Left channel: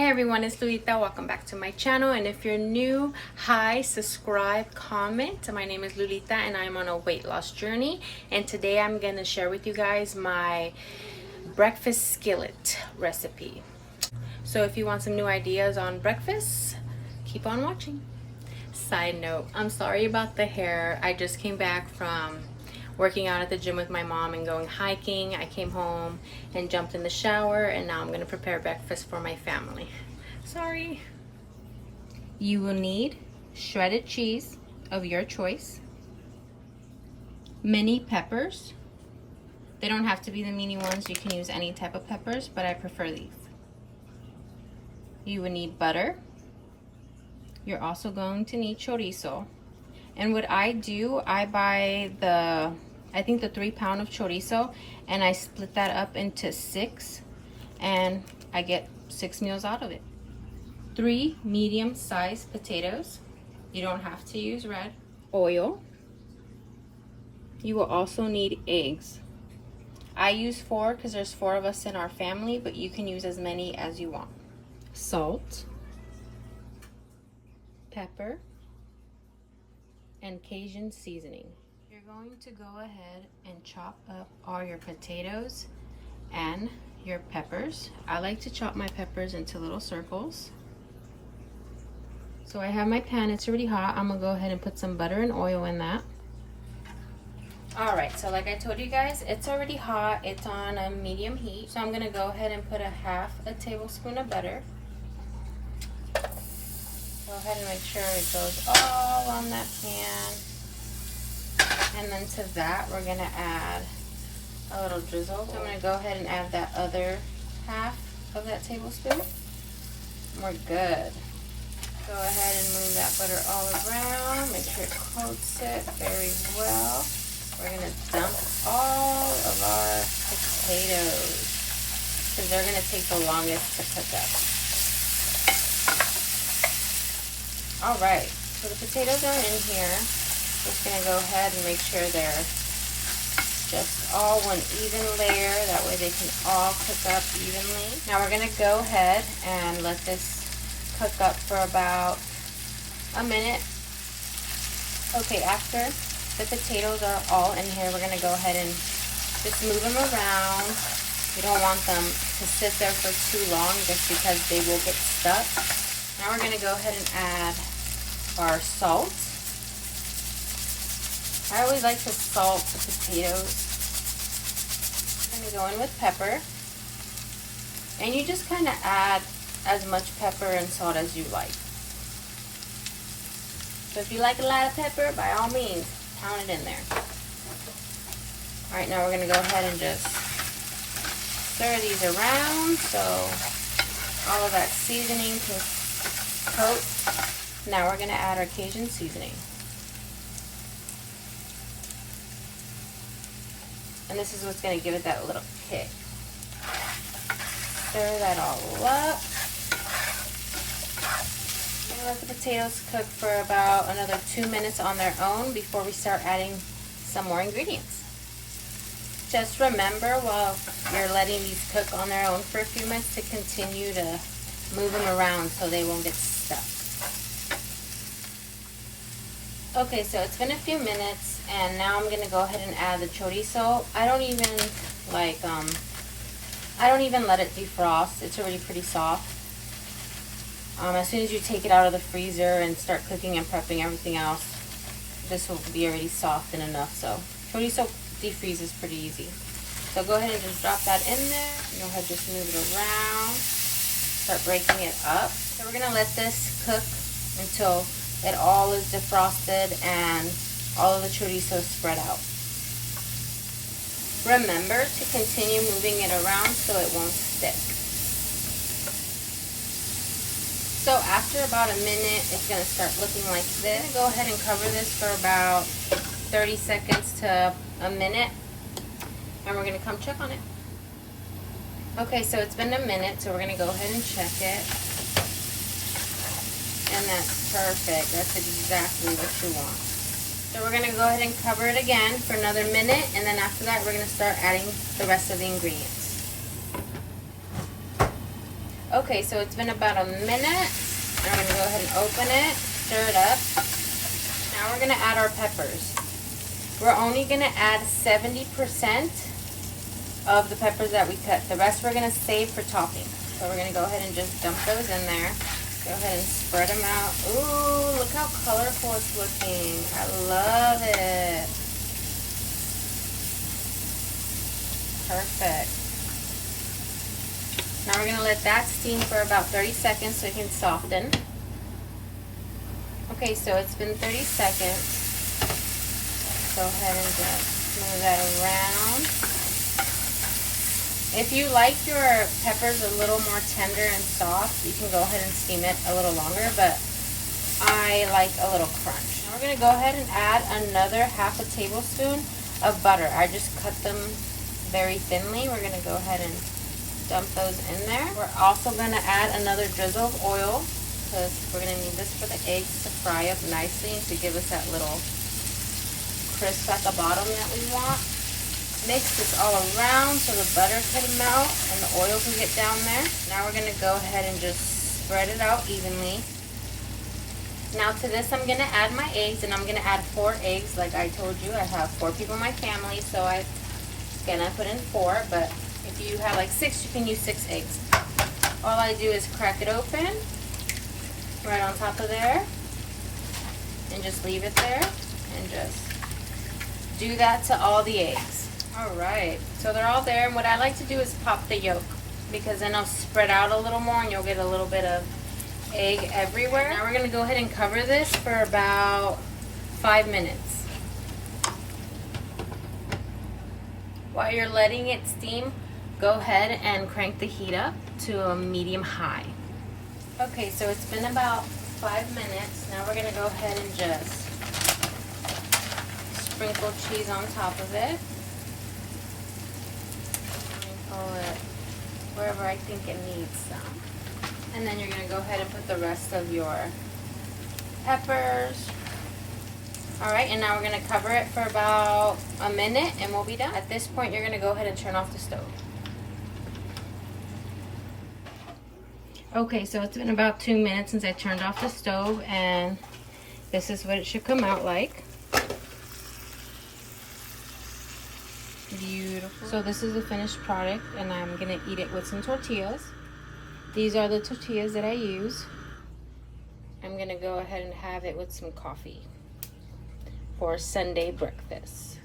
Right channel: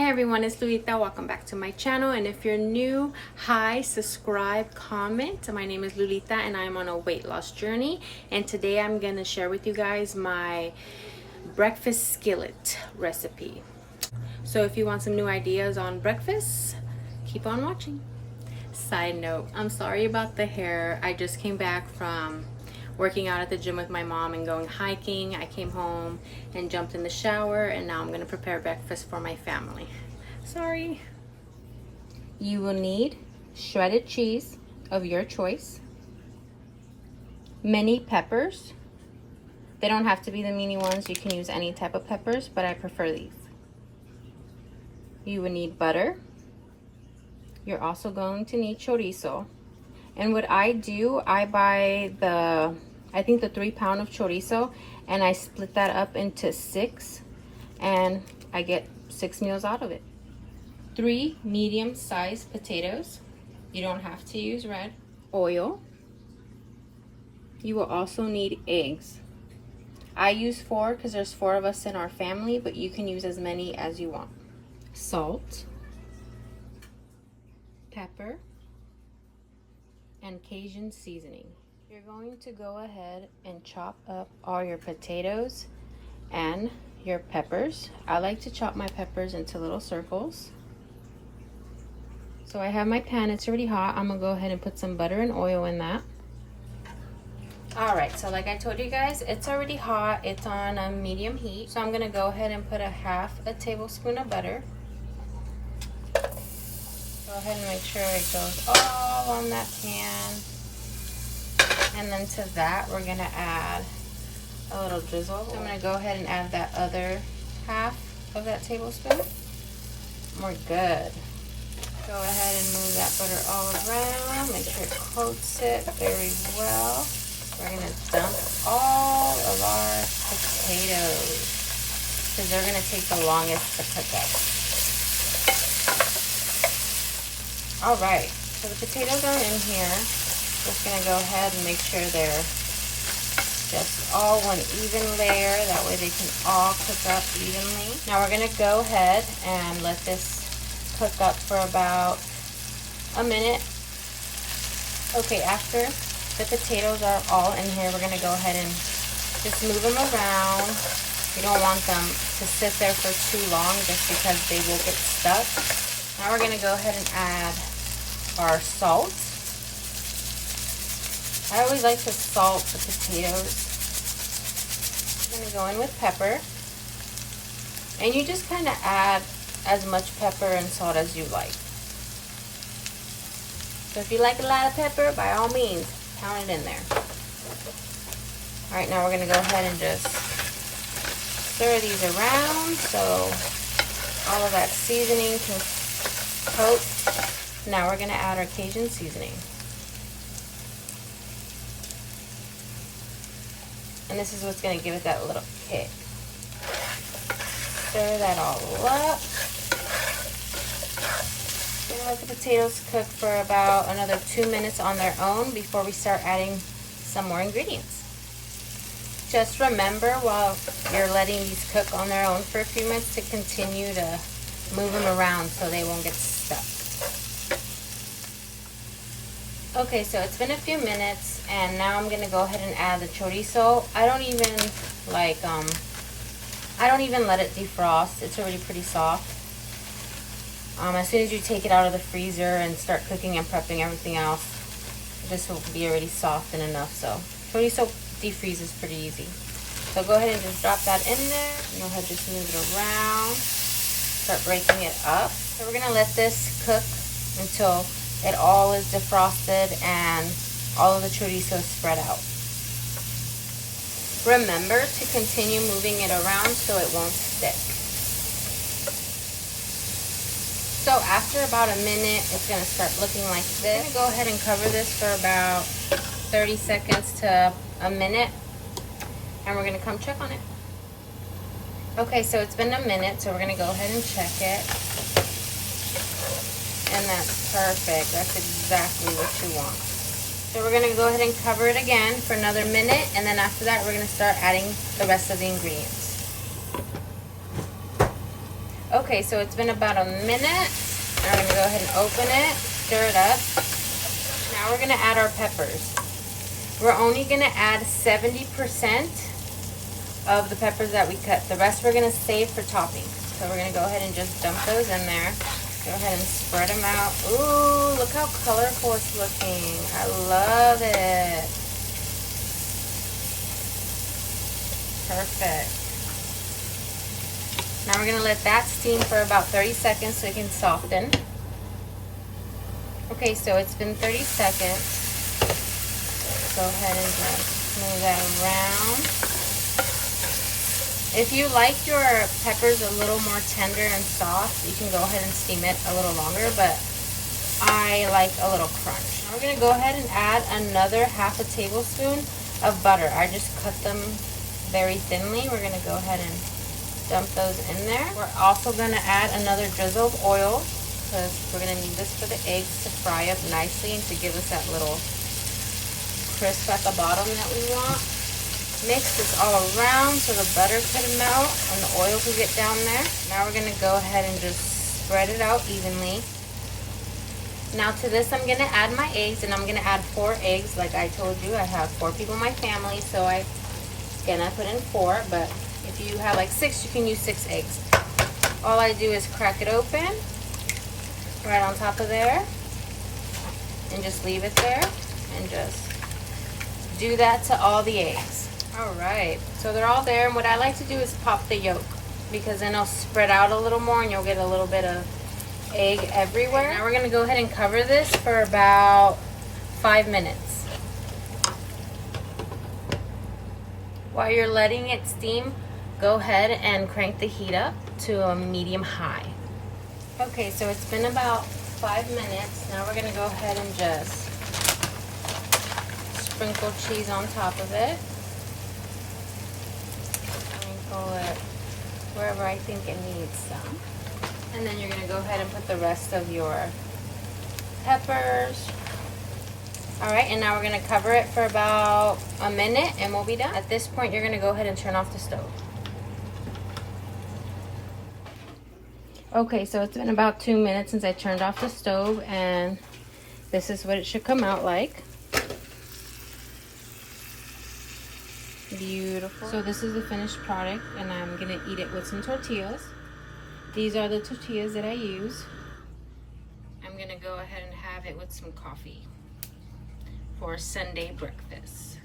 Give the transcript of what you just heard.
Hey everyone, it's Lolita. Welcome back to my channel. And if you're new, hi, subscribe, comment. My name is Lolita and I'm on a weight loss journey. And today I'm going to share with you guys my breakfast skillet recipe. So if you want some new ideas on breakfast, keep on watching. Side note, I'm sorry about the hair. I just came back from working out at the gym with my mom and going hiking. I came home and jumped in the shower, and now I'm gonna prepare breakfast for my family. Sorry. You will need shredded cheese of your choice, mini peppers. They don't have to be the mini ones. You can use any type of peppers, but I prefer these. You will need butter. You're also going to need chorizo. And what I do, I buy the 3-pound of chorizo, and I split that up into 6, and I get 6 meals out of it. 3 medium-sized potatoes. You don't have to use red. Oil. You will also need eggs. I use 4 because there's 4 of us in our family, but you can use as many as you want. Salt, pepper, and Cajun seasoning. You're going to go ahead and chop up all your potatoes and your peppers. I like to chop my peppers into little circles. So I have my pan, it's already hot. I'm gonna go ahead and put some butter and oil in that. Alright, so like I told you guys, it's already hot. It's on a medium heat. So I'm gonna go ahead and put a half a tablespoon of butter. Go ahead and make sure it goes all on that pan. And then to that, we're gonna add a little drizzle. So I'm gonna go ahead and add that other half of that tablespoon. We're good. Go ahead and move that butter all around. Make sure it coats it very well. We're gonna dump all of our potatoes because they're gonna take the longest to cook up. All right, so the potatoes are in here. Just gonna go ahead and make sure they're just all one even layer. That way they can all cook up evenly. Now we're gonna go ahead and let this cook up for about a minute. Okay, after the potatoes are all in here, we're gonna go ahead and just move them around. We don't want them to sit there for too long just because they will get stuck. Now we're gonna go ahead and add our salt. I always like to salt the potatoes. I'm gonna go in with pepper. And you just kind of add as much pepper and salt as you like. So if you like a lot of pepper, by all means, pound it in there. Alright, now we're gonna go ahead and just stir these around so all of that seasoning can coat. Now we're gonna add our Cajun seasoning. And this is what's gonna give it that little kick. Stir that all up. And let the potatoes cook for about another 2 minutes on their own before we start adding some more ingredients. Just remember while you're letting these cook on their own for a few minutes to continue to move them around so they won't get stuck. Okay, so it's been a few minutes, and now I'm gonna go ahead and add the chorizo. I don't even let it defrost. It's already pretty soft. As soon as you take it out of the freezer and start cooking and prepping everything else, this will be already soft and enough. So chorizo defreezes pretty easy. So go ahead and just drop that in there. Go ahead, just move it around. Start breaking it up. So we're gonna let this cook until it all is defrosted and all of the chorizo is spread out. Remember to continue moving it around so it won't stick. So after about a minute, it's gonna start looking like this. I'm gonna go ahead and cover this for about 30 seconds to a minute, and we're gonna come check on it. Okay, so it's been a minute, so we're gonna go ahead and check it. And that's perfect. That's exactly what you want. So we're gonna go ahead and cover it again for another minute, and then after that we're gonna start adding the rest of the ingredients. Okay, so it's been about a minute. Now we're gonna go ahead and open it, stir it up. Now we're gonna add our peppers. We're only gonna add 70% of the peppers that we cut. The rest we're gonna save for topping. So we're gonna go ahead and just dump those in there. Go ahead and spread them out. Ooh, look how colorful it's looking. I love it. Perfect. Now we're gonna let that steam for about 30 seconds so it can soften. Okay, so it's been 30 seconds. Go ahead and just move that around. If you like your peppers a little more tender and soft, you can go ahead and steam it a little longer, but I like a little crunch. Now we're gonna go ahead and add another half a tablespoon of butter. I just cut them very thinly. We're gonna go ahead and dump those in there. We're also gonna add another drizzle of oil because we're gonna need this for the eggs to fry up nicely and to give us that little crisp at the bottom that we want. Mix this all around so the butter can melt and the oil can get down there. Now we're gonna go ahead and just spread it out evenly. Now to this I'm gonna add my eggs, and I'm gonna add 4 eggs. Like I told you, I have 4 people in my family, so I'm gonna put in 4, but if you have like 6, you can use 6 eggs. All I do is crack it open right on top of there and just leave it there and just do that to all the eggs. Alright, so they're all there, and what I like to do is pop the yolk because then it'll spread out a little more and you'll get a little bit of egg everywhere. Now we're going to go ahead and cover this for about 5 minutes. While you're letting it steam, go ahead and crank the heat up to a medium high. Okay, so it's been about 5 minutes. Now we're going to go ahead and just sprinkle cheese on top of it. Sprinkle it wherever I think it needs some. And then you're going to go ahead and put the rest of your peppers. Alright, and now we're going to cover it for about a minute and we'll be done. At this point, you're going to go ahead and turn off the stove. Okay, so it's been about 2 minutes since I turned off the stove, and this is what it should come out like. Beautiful. So this is the finished product, and I'm going to eat it with some tortillas. These are the tortillas that I use. I'm going to go ahead and have it with some coffee for Sunday breakfast.